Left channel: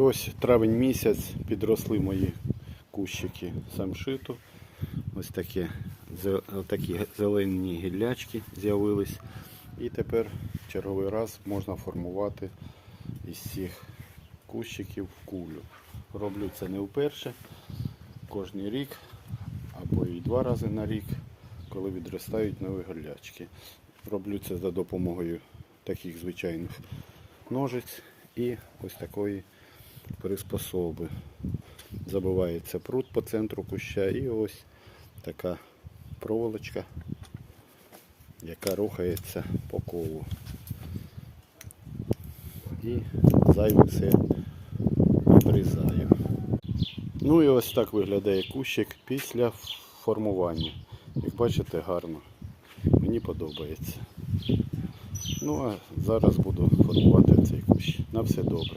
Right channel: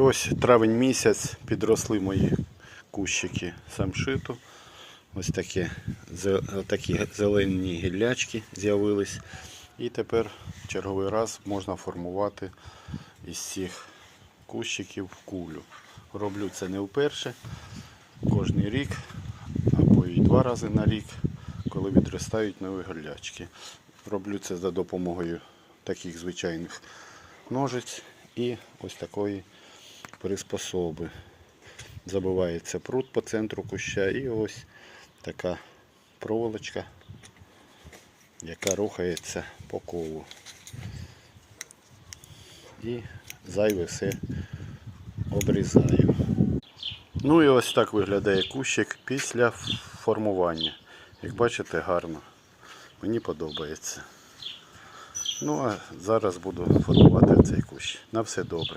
Ось травень місяць підросли мої кущики самшиту. Ось такі, такі зелені гіллячки з'явились. І тепер черговий раз можна формувати із цих кущиків кулю. Роблю це не вперше, кожний рік або і два рази на рік, коли відростають нові гіллячки. Роблю це за допомогою таких звичайних ножиць і ось такої приспособи. Забивається прут по центру куща і ось така проволочка, яка рухається по колу. І зайве все обрізаю. Ну і ось так виглядає кущик після формування. Як бачите, гарно. Мені подобається. Ну а зараз буду формувати цей кущ. На все добре.